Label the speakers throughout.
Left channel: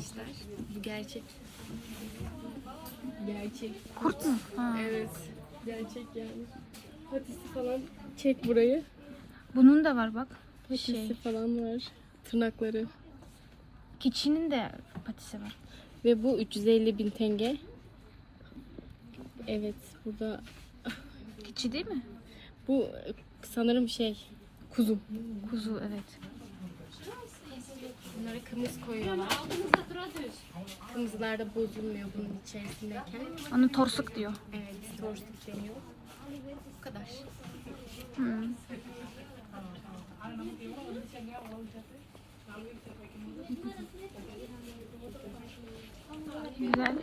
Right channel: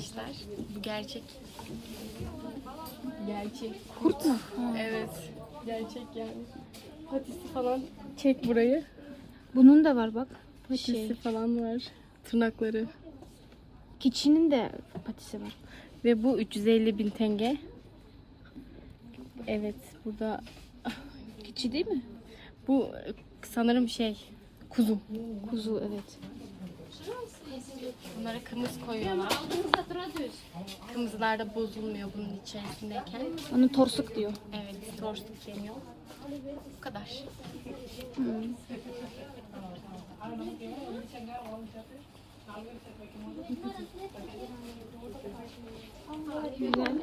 Speaker 1: arkadaşlar. Bu gerçek. Gerçek.
Speaker 2: Kurt mu? Ha.
Speaker 1: Evet. Gerçek yani. Patisi falan. Çek burayı.
Speaker 2: Bunun da var bak.
Speaker 1: Patisi
Speaker 2: Şey.
Speaker 1: falan var. Tırnakları.
Speaker 2: Keçinin de patisi var.
Speaker 1: Ve bu 350 bin tenge. Evet burada
Speaker 2: Keçi değil mi?
Speaker 1: bu sanırım şey kuzu.
Speaker 2: Kuzu evet.
Speaker 1: Bunlara kımız koyuyorlar. Kımızlar da bozulmuyor bunun içerisindeyken.
Speaker 2: Onu torsuk diyor.
Speaker 1: Evet, torstuk deniyor. Bu kadar.
Speaker 2: Hı. Güzel.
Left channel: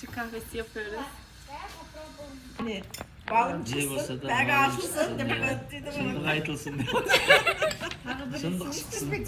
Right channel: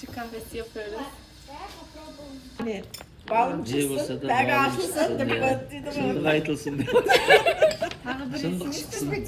Speaker 1: Türk kahvesi yapıyoruz.
Speaker 3: Balımcısın, ben aşısın, demokratçıydım.
Speaker 4: Şimdi kayıtlısın. Şimdi